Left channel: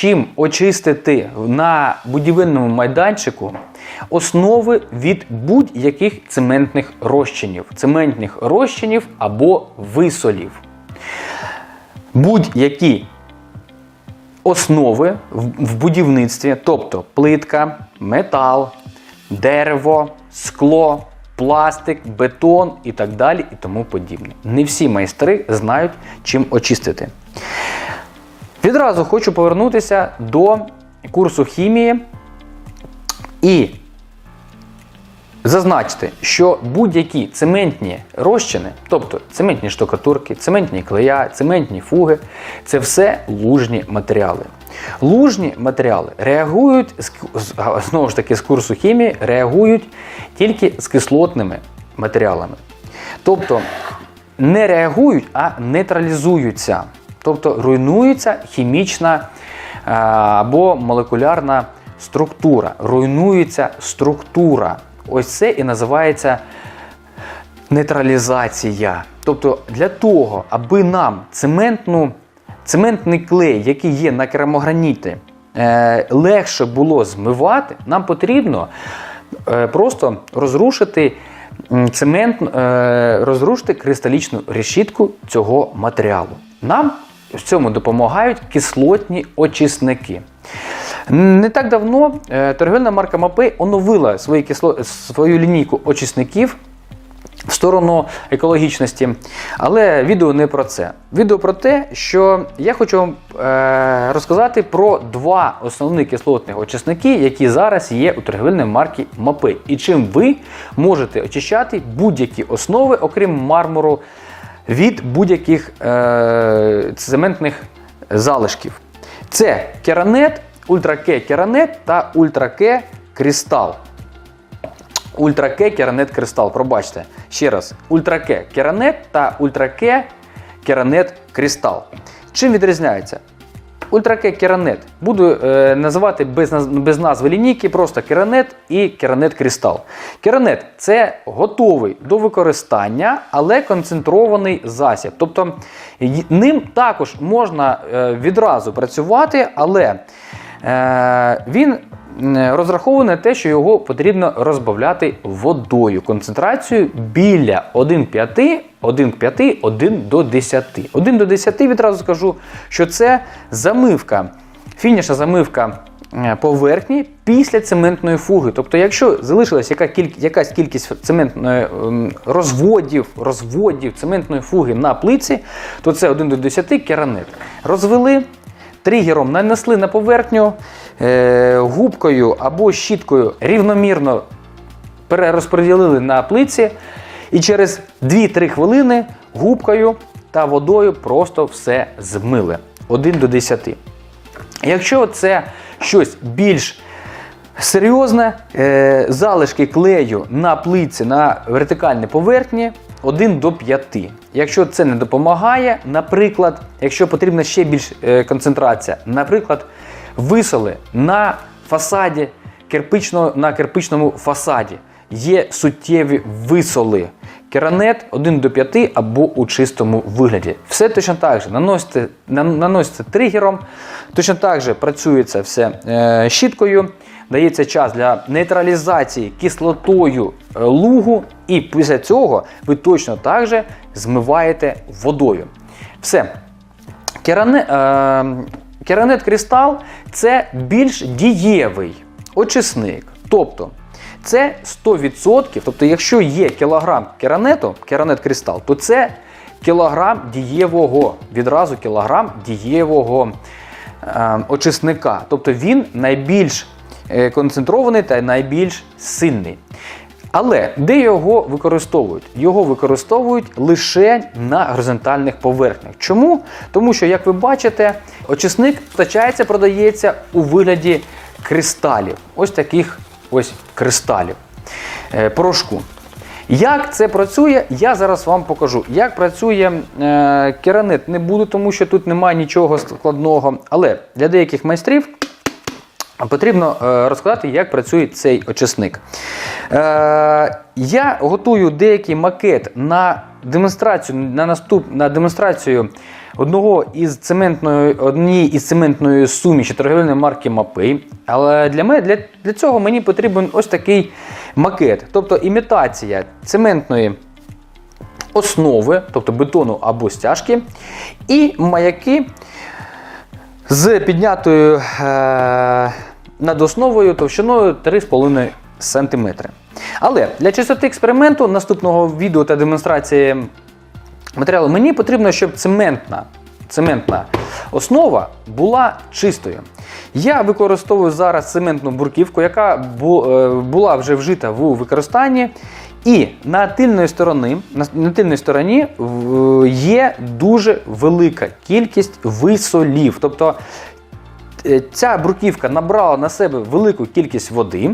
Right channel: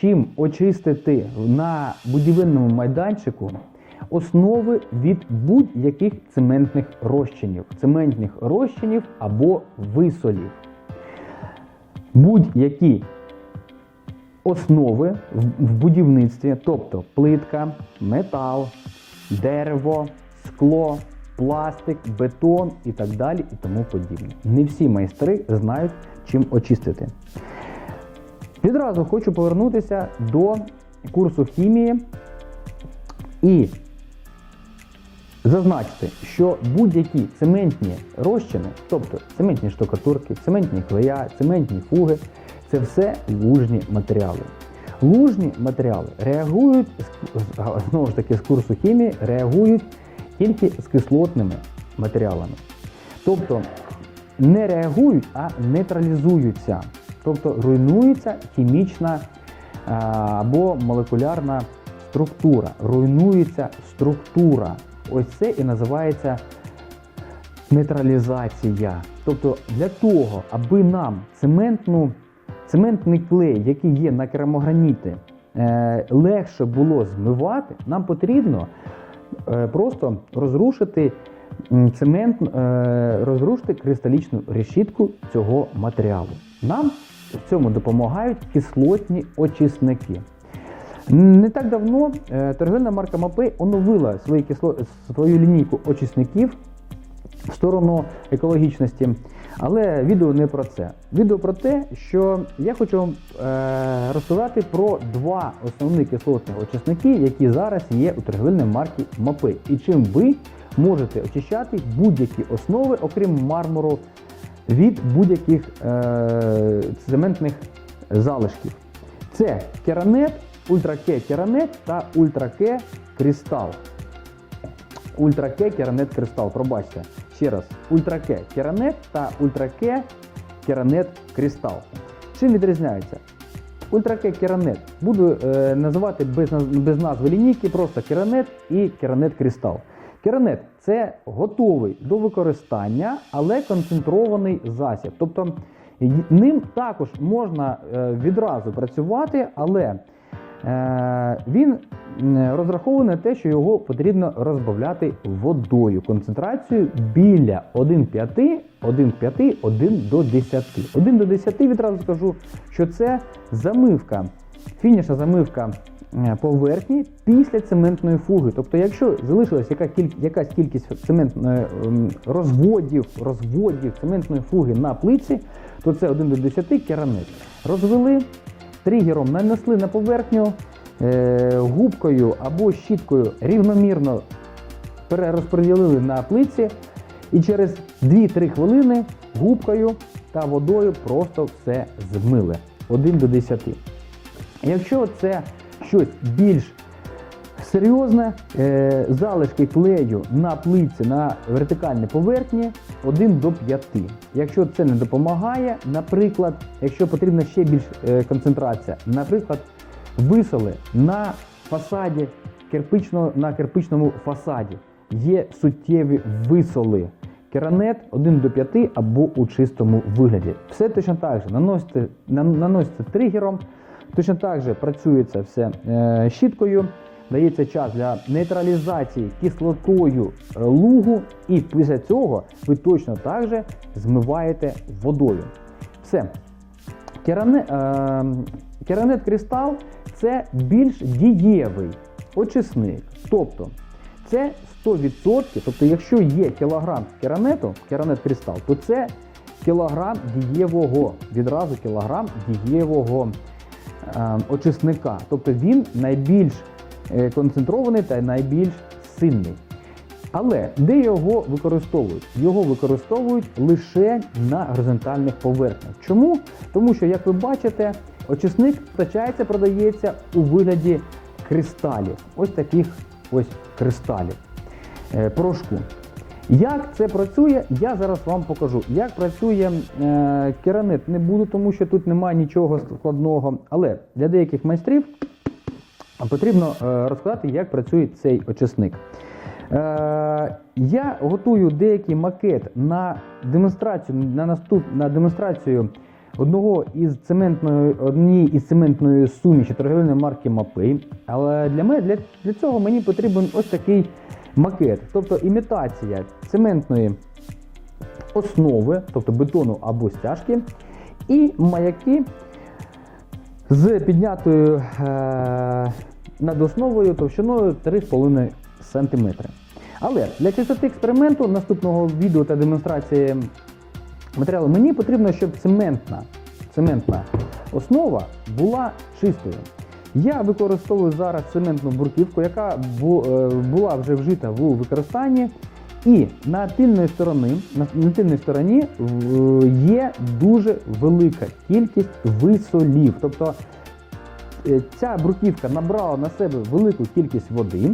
чим очистити на будівельному майданчику основи від будь-яких цементних розчинів, цементних розчинів або висолів. Будь-які основи в будівництві, тобто плитка, метал, дерево, скло, пластик, бетон і так далі, і тому подібне. Не всі майстри знають, чим очистити. Відразу хочу повернутися до курсу хімії і зазначити, що будь-які цементні розчини, тобто цементні штукатурки, цементні клея, цементні фуги, це все лужні матеріали. Лужні матеріали реагують знову ж таки з курсу хімії, реагують тільки з кислотними матеріалами. Тобто не реагують, а нейтралізуються. Тобто руйнується хімічна або молекулярна структура. Руйнується структура. Ось це і називається нейтралізація. Тобто для того, аби нам цементну, цементний клей, який є на керамограніті, е, легше було змивати, нам потрібно е, просто розрушити цемент, е, розрушити кристалічну решітку цього матеріалу. Нам в цьому допомагають кислотні очисники. Не так давно е, торгівельна марка Мапей оновила свої кисло... свою лінійку очисників в сторону екологічності. Але відео не про це. Відео про те, що я хочу вам е, розказати про два основні кислотні очисники, які зараз є у торгівельній марки Мапей. І чим ви можете очищати будь-які основи, окрім мармуру, від будь-яких е, цементних залишків. Це керанет, ультраке керанет та ультраке кристал. Ультраке керанет кристал. Пробачте. Ще раз. Ультраке керанет та ультраке керанет кристал. Чим відрізняється? Ультраке керанет. Буду е, називати без, без назви лінійки, просто керанет і керанет кристал. Керанет це готовий до використання, але концентрований засіб. Тобто ним також можна е, відразу працювати, але е, він м, розрахований на те, що його потрібно розбавляти водою. Концентрацію біля 1,5, 1,5, 1 до 10. 1 до 10 відразу скажу, що це замивка, фінішна замивка е, поверхні після цементної фуги. Тобто, якщо залишилась яка кіль- якась кількість цементної ем, розводів, розводів цементної фуги на плиці, то це 1 до 10 керанет. Розвели, тригером нанесли на поверхню, е, губкою або щіткою рівномірно перерозподілили на плиці, і через 2-3 хвилини губкою та водою просто все змили 1 до 10. Якщо це щось більш серйозне, е, залишки клею на плиці на вертикальній поверхні 1 до 5. Якщо це не допомагає, наприклад, якщо потрібна ще більш е, концентрація, наприклад, висоли на фасаді кирпичного, на кирпичному фасаді є суттєві висоли. Керанет 1 до 5 або у чистому вигляді. Все точно так же наносите, наносите тригером, точно так же працюється все е, щіткою, дається час для нейтралізації кислотою е, лугу, і після цього ви точно так же змиваєте водою. Все. Керане, е, керанет кристал це більш дієвий очисник. Тобто це 100%, тобто, якщо є кілограм керанету, керанет кристал, то це кілограм дієвого, відразу кілограм дієвого е, очисника. Тобто він найбільш концентрований та найбільш сильний. Але де його використовують? Його використовують лише на горизонтальних поверхнях. Чому? Тому що, як ви бачите, очисник постачається, продається у вигляді кристалів. Ось таких ось кристалів е, порошку. Як це працює, я зараз вам покажу. Як працює е, керанет, не буду, тому що тут немає нічого складного. Але для деяких майстрів потрібно е, розказати, як працює цей очисник. Е, я готую деякий макет на демонстрацію, на наступ, на демонстрацію одного із цементної, однієї із цементної суміші торговельної марки Мапей. Але для, мене, для, для цього мені потрібен ось такий макет, тобто імітація цементної основи, тобто бетону або стяжки, і маяки з піднятою е, над основою товщиною 3,5 см. Але для чистоти експерименту наступного відео та демонстрації матеріалу мені потрібно, щоб цементна, цементна основа була чистою. Я використовую зараз цементну бурківку, яка е, була вже вжита в використанні. І на тильної сторони, на, тильній стороні є дуже велика кількість висолів. Тобто е, ця бруківка набрала на себе велику кількість води.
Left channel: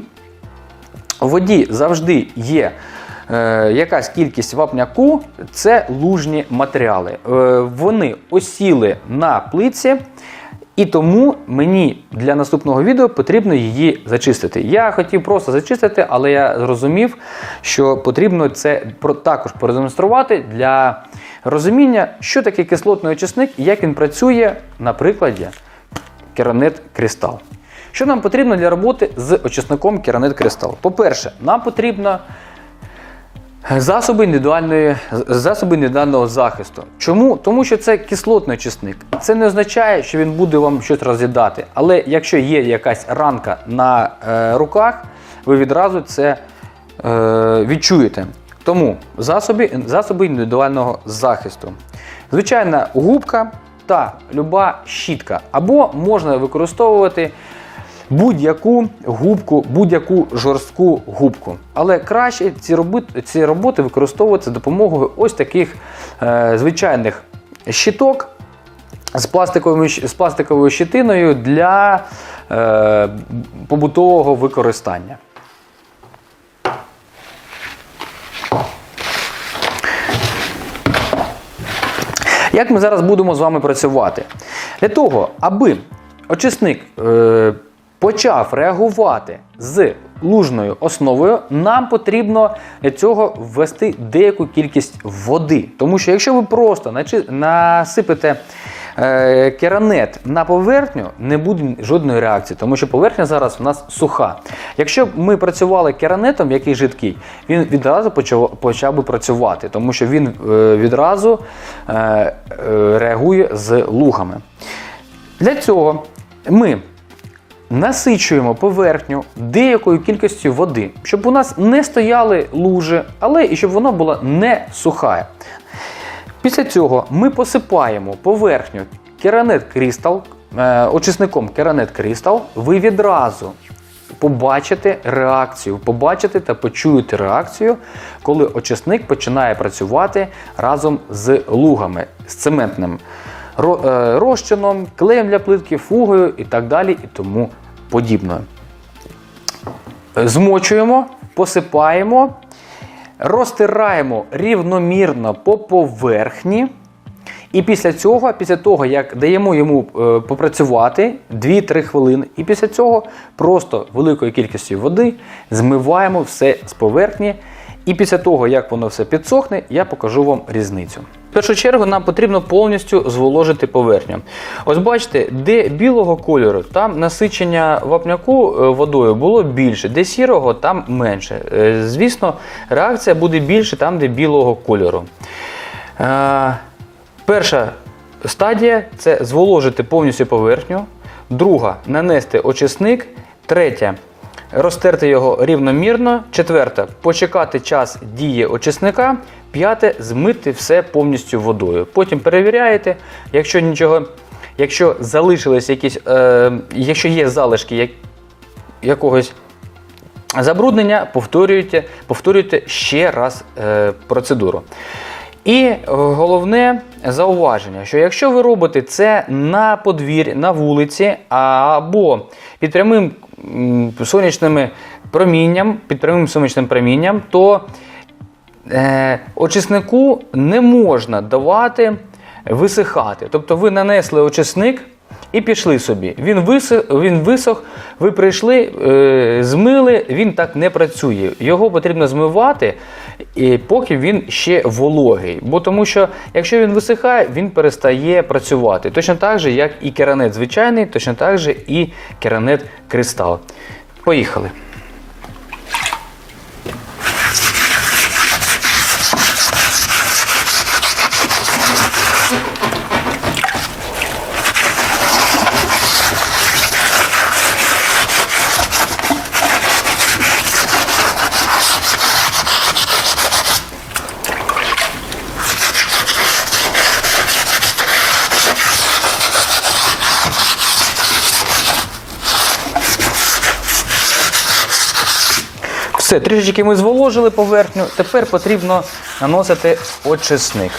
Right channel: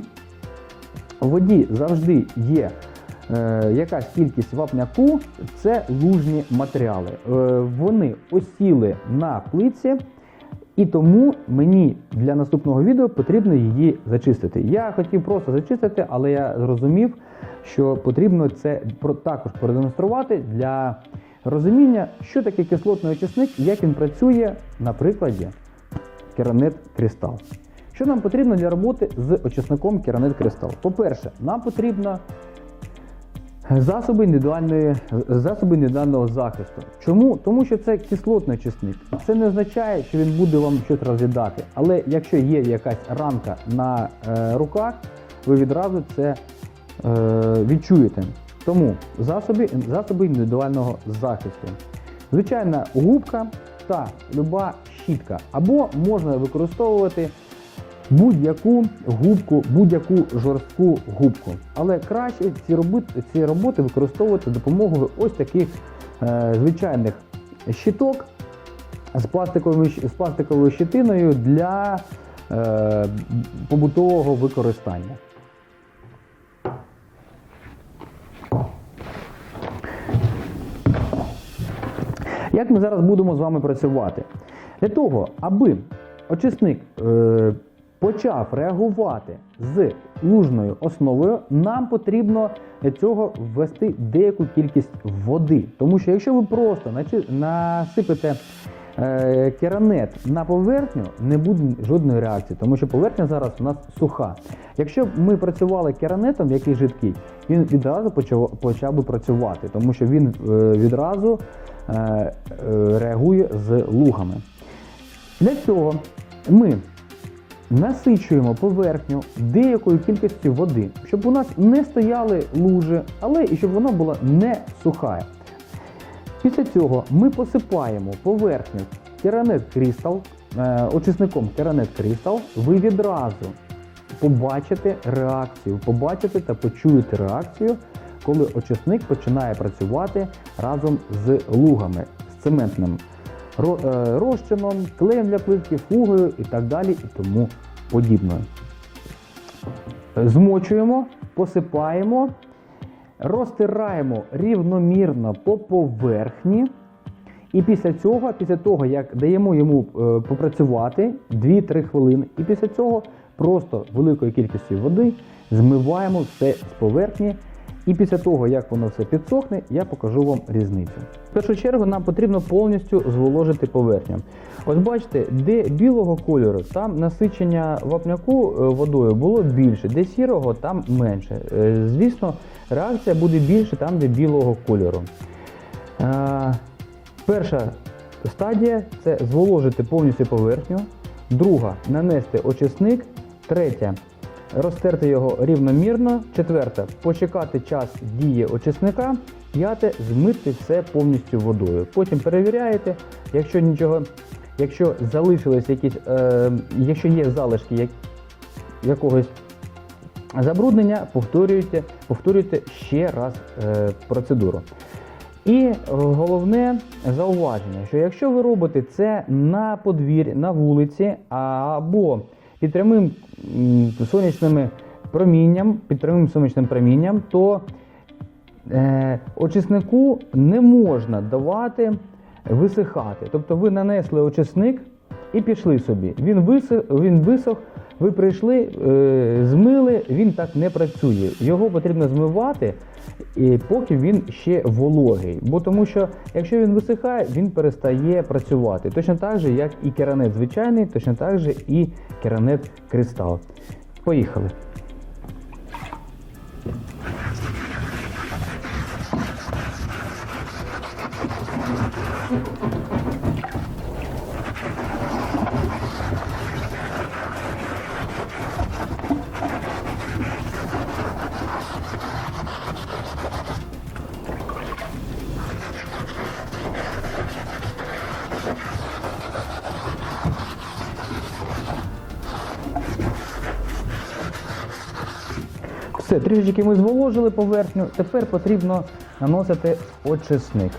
У воді завжди є е, якась кількість вапняку, це лужні матеріали. Е, вони осіли на плитці, і тому мені для наступного відео потрібно її зачистити. Я хотів просто зачистити, але я зрозумів, що потрібно це також продемонструвати для розуміння, що таке кислотний очисник і як він працює на прикладі Керамет Кристал. Що нам потрібно для роботи з очисником Керамет Кристал? По-перше, нам потрібно засоби індивідуальної, засоби індивідуального захисту. Чому? Тому що це кислотний очисник. Це не означає, що він буде вам щось роз'їдати. Але якщо є якась ранка на е, руках, ви відразу це е, відчуєте. Тому засоби, засоби індивідуального захисту. Звичайна губка та люба щітка. Або можна використовувати будь-яку губку, будь-яку жорстку губку. Але краще ці роботи, ці роботи використовувати за допомогою ось таких е, звичайних щиток з пластиковою, з пластиковою щитиною для е, побутового використання. Як ми зараз будемо з вами працювати? Для того, аби очисник е, почав реагувати з лужною основою, нам потрібно для цього ввести деяку кількість води. Тому що якщо ви просто начи- насипете е, керамет на поверхню, не буде жодної реакції, тому що поверхня зараз у нас суха. Якщо б ми працювали керанетом, який жидкий, він відразу почав, почав би працювати, тому що він е, відразу е, е, реагує з лугами. Для цього ми насичуємо поверхню деякою кількістю води, щоб у нас не стояли лужи, але і щоб вона була не суха. Після цього ми посипаємо поверхню керанет Crystal, е, очисником керанет Crystal. Ви відразу побачите реакцію, побачите та почуєте реакцію, коли очисник починає працювати разом з лугами, з цементним е, розчином, клеєм для плитки, фугою і так далі, і тому подібне. Змочуємо, посипаємо, розтираємо рівномірно по поверхні. І після цього, після того, як даємо йому е, попрацювати 2-3 хвилини, і після цього просто великою кількістю води змиваємо все з поверхні. І після того, як воно все підсохне, я покажу вам різницю. В першу чергу нам потрібно повністю зволожити поверхню. Ось бачите, де білого кольору, там насичення вапняку е, водою було більше, де сірого, там менше. Е, Звісно, реакція буде більше там, де білого кольору. Е, Перша стадія це зволожити повністю поверхню. Друга нанести очисник. Третя розтерти його рівномірно. Четверта почекати час дії очисника. П'яте змити все повністю водою. Потім перевіряєте, якщо нічого, якщо залишились якісь, е, якщо є залишки як, якогось забруднення, повторюйте, повторюйте ще раз е, процедуру. І е, головне зауваження, що якщо ви робите це на подвір'ї, на вулиці або під прямим сонячним промінням, під прямим сонячним промінням, то е, очиснику не можна давати висихати. Тобто ви нанесли очисник, і пішли собі. Він висох, він висох ви прийшли, е, змили, він так не працює. Його потрібно змивати, і поки він ще вологий. Бо тому що, якщо він висихає, він перестає працювати. Точно так же, як і керанет звичайний, точно так же і керанет кристал. Поїхали. Все, трішечки ми зволожили поверхню. Тепер потрібно наносити очисник.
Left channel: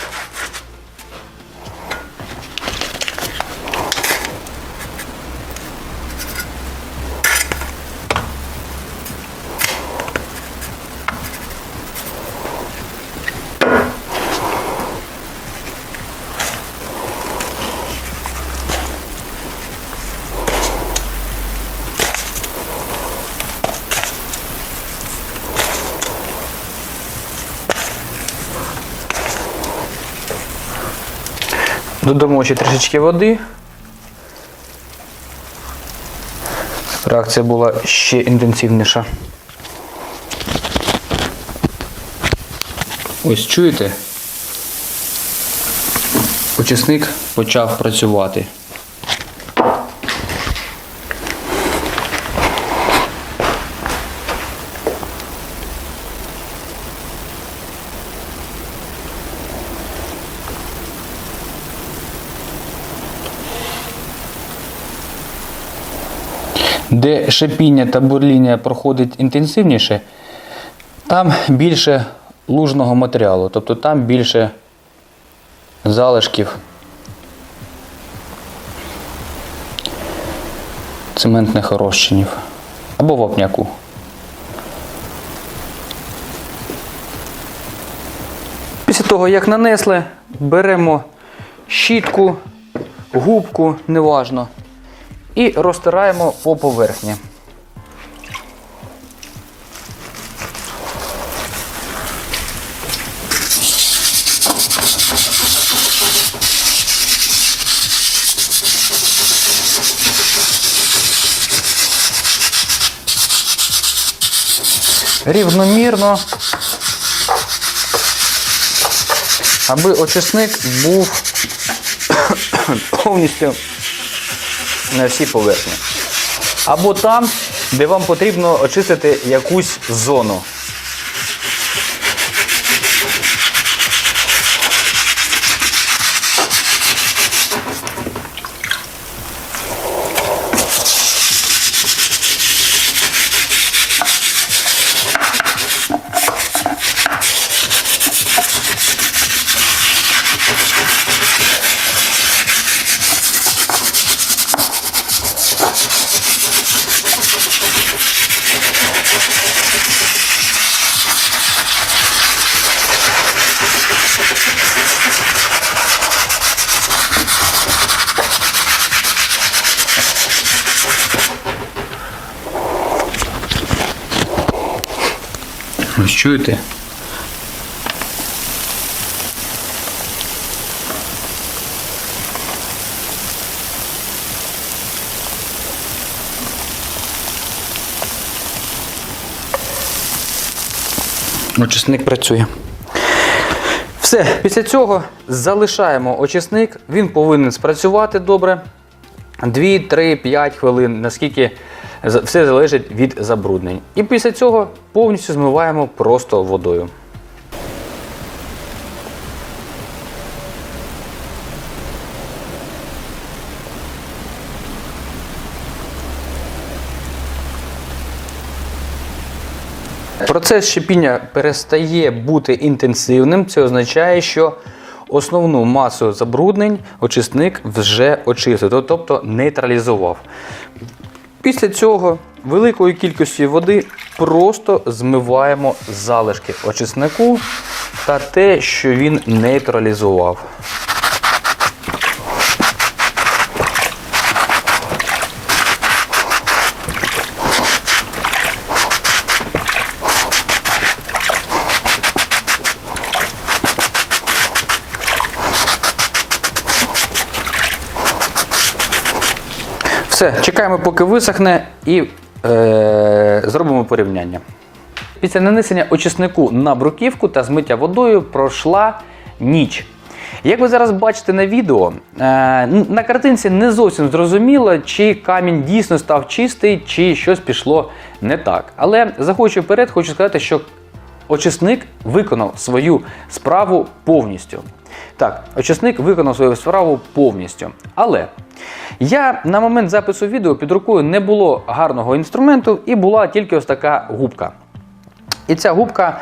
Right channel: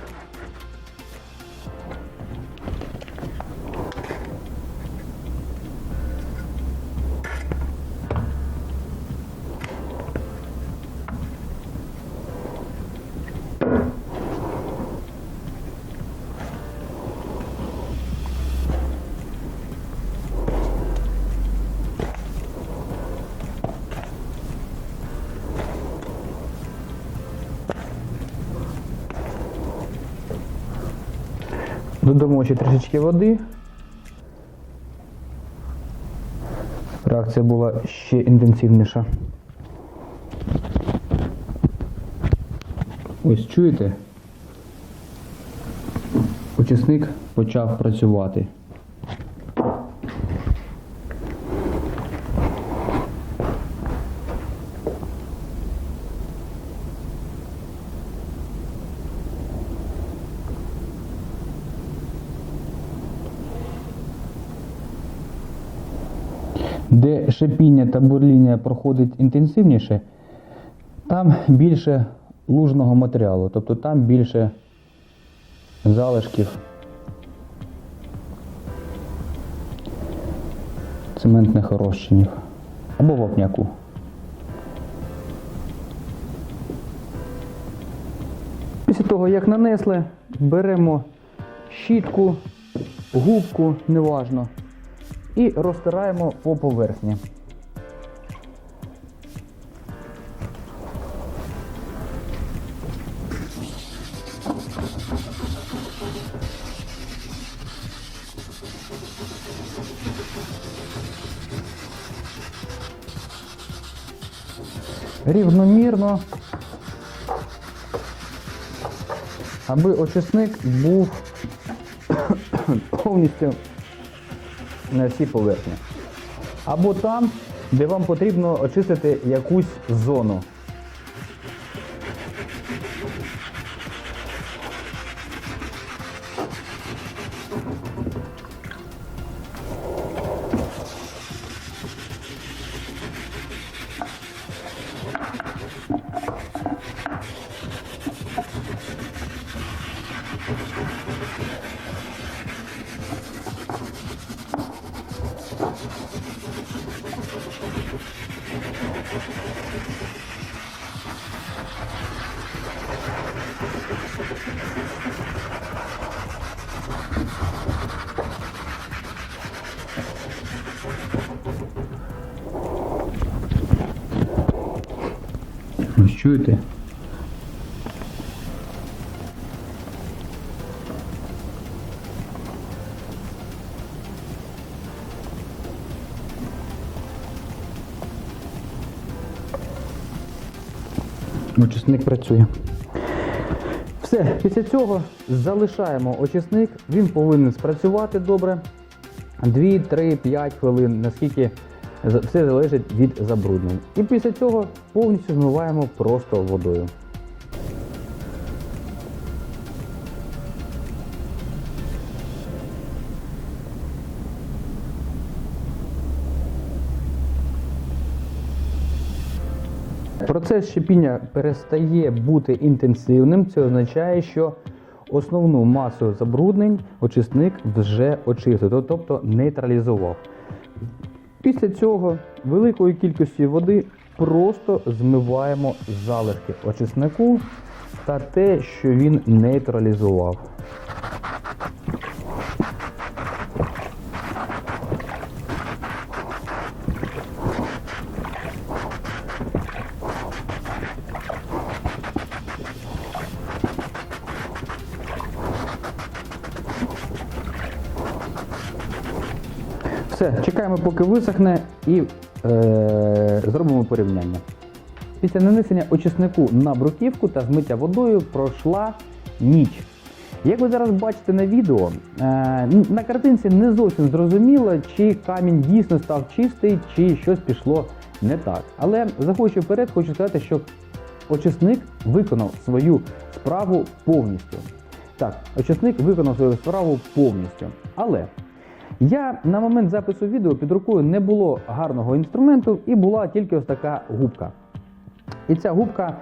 Додамо ще трішечки води. Реакція була ще інтенсивніша. Ось чуєте? Очисник почав працювати. Шипіння та бурління проходить інтенсивніше, там більше лужного матеріалу, тобто там більше залишків цементних розчинів або вапняку. Після того, як нанесли, беремо щітку, губку, неважно, і розтираємо по поверхні. Рівномірно, аби очисник був повністю на всій поверхні. Або там, де вам потрібно очистити якусь зону. Ось чуєте? Очисник працює. Все, після цього залишаємо очисник, він повинен спрацювати добре. 2, 3, 5 хвилин, наскільки все залежить від забруднень. І після цього повністю змиваємо просто водою. Процес щепіння перестає бути інтенсивним. Це означає, що основну масу забруднень очисник вже очистив, тобто нейтралізував. Після цього великою кількістю води просто змиваємо залишки очиснику та те, що він нейтралізував. Все, чекаємо, поки висохне, і е, зробимо порівняння. Після нанесення очиснику на бруківку та змиття водою пройшла ніч. Як ви зараз бачите на відео, е, на картинці не зовсім зрозуміло, чи камінь дійсно став чистий, чи щось пішло не так. Але заходячи вперед, хочу сказати, що очисник виконав свою справу повністю. Так, очисник виконав свою справу повністю. Але я на момент запису відео під рукою не було гарного інструменту і була тільки ось така губка. І ця губка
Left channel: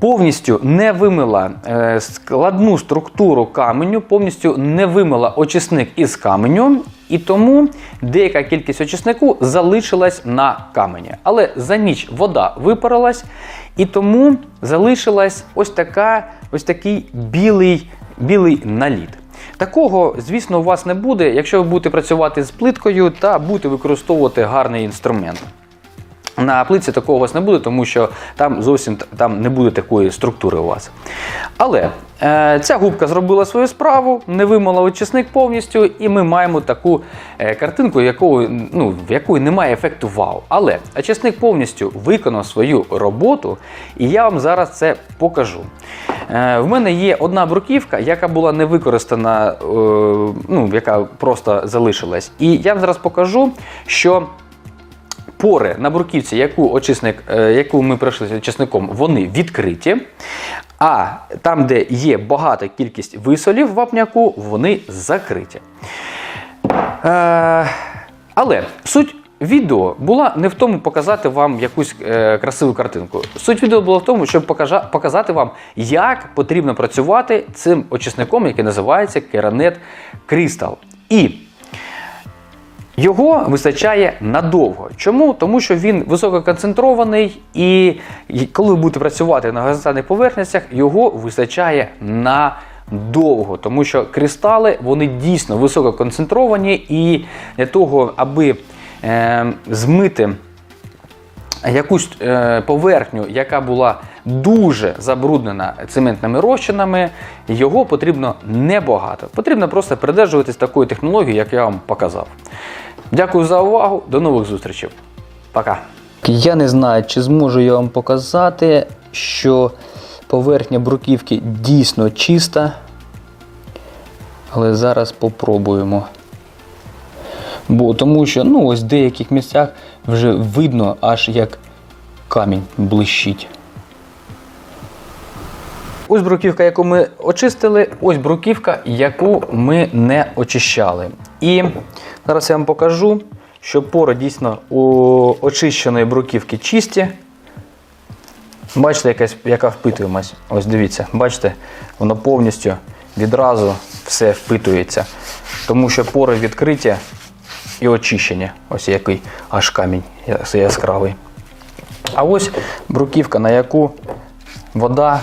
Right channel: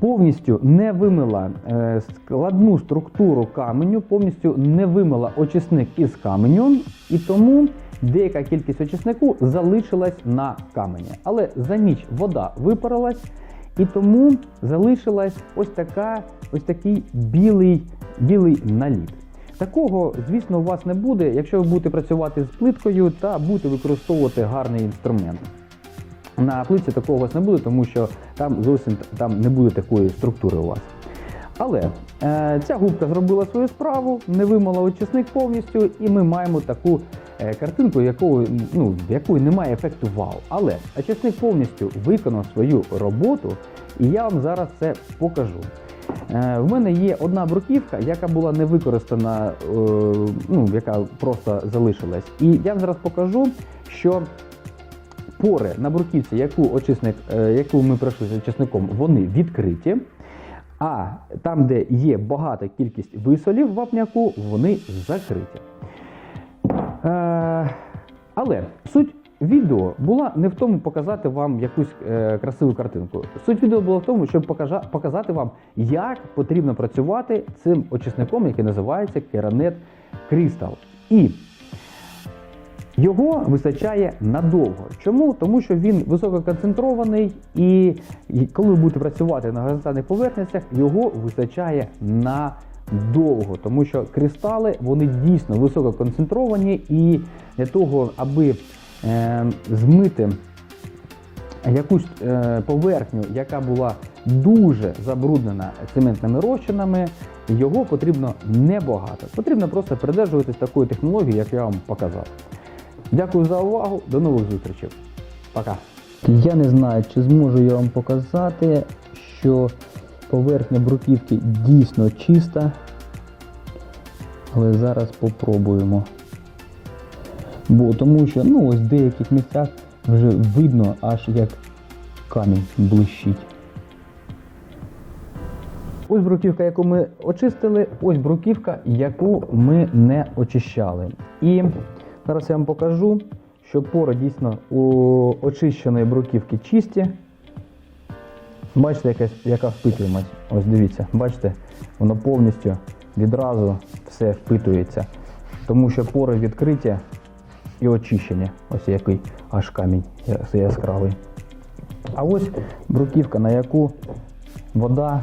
повністю не вимила е, складну структуру каменю, повністю не вимила очисник із каменю, і тому деяка кількість очиснику залишилась на камені. Але за ніч вода випарилась, і тому залишилась ось така, ось такий білий, білий наліт. Такого, звісно, у вас не буде, якщо ви будете працювати з плиткою та будете використовувати гарний інструмент. На плитці такого у вас не буде, тому що там зовсім там не буде такої структури у вас. Але е, ця губка зробила свою справу, не вимила очисник повністю, і ми маємо таку е, картинку, якого, ну, в якої немає ефекту вау. Але очисник повністю виконав свою роботу, і я вам зараз це покажу. Е, в мене є одна бруківка, яка була не використана, е, ну, яка просто залишилась. І я вам зараз покажу, що пори на бруківці, яку очисник, е, яку ми пройшли очисником, вони відкриті. А там, де є багата кількість висолів вапняку, вони закриті. Е, але суть відео була не в тому показати вам якусь е, красиву картинку. Суть відео була в тому, щоб показати вам, як потрібно працювати цим очисником, який називається Керанет Crystal. І його вистачає надовго. Чому? Тому що він висококонцентрований, і коли ви будете працювати на горизонтальних поверхностях, його вистачає надовго. Тому що кристали вони дійсно висококонцентровані, і для того, аби е, змити якусь е, поверхню, яка була дуже забруднена цементними розчинами, його потрібно небагато. Потрібно просто придержуватись такої технології, як я вам показав. Дякую за увагу, до нових зустрічей. Пока. Я не знаю, чи зможу я вам показати, що поверхня бруківки дійсно чиста. Але зараз попробуємо. Бо тому що ну, ось в деяких місцях вже видно, аж як камінь блищить. Ось бруківка, яку ми очистили, ось бруківка, яку ми не очищали. І зараз я вам покажу, що пори дійсно у очищеної бруківки чисті. Бачите, якась, яка впитуємось. Ось дивіться, бачите, воно повністю відразу все впитується. Тому що пори відкриті і очищені. Ось який аж камінь яскравий. А ось бруківка, на яку вода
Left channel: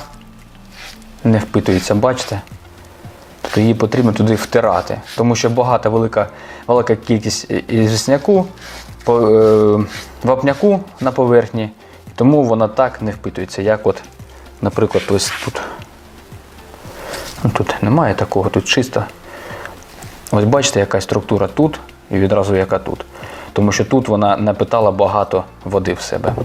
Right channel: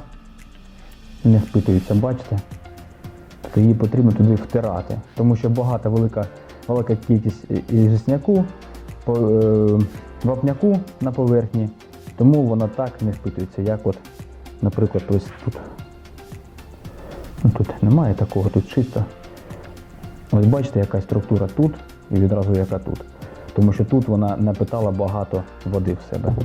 не впитується, бачите? Тобто її потрібно туди втирати, тому що багата велика, велика кількість звісняку, е, вапняку на поверхні, тому вона так не впитується, як от, наприклад, ось тут. Ну, тут немає такого, тут чисто. Ось бачите, яка структура тут і відразу яка тут. Тому що тут вона напитала багато води в себе.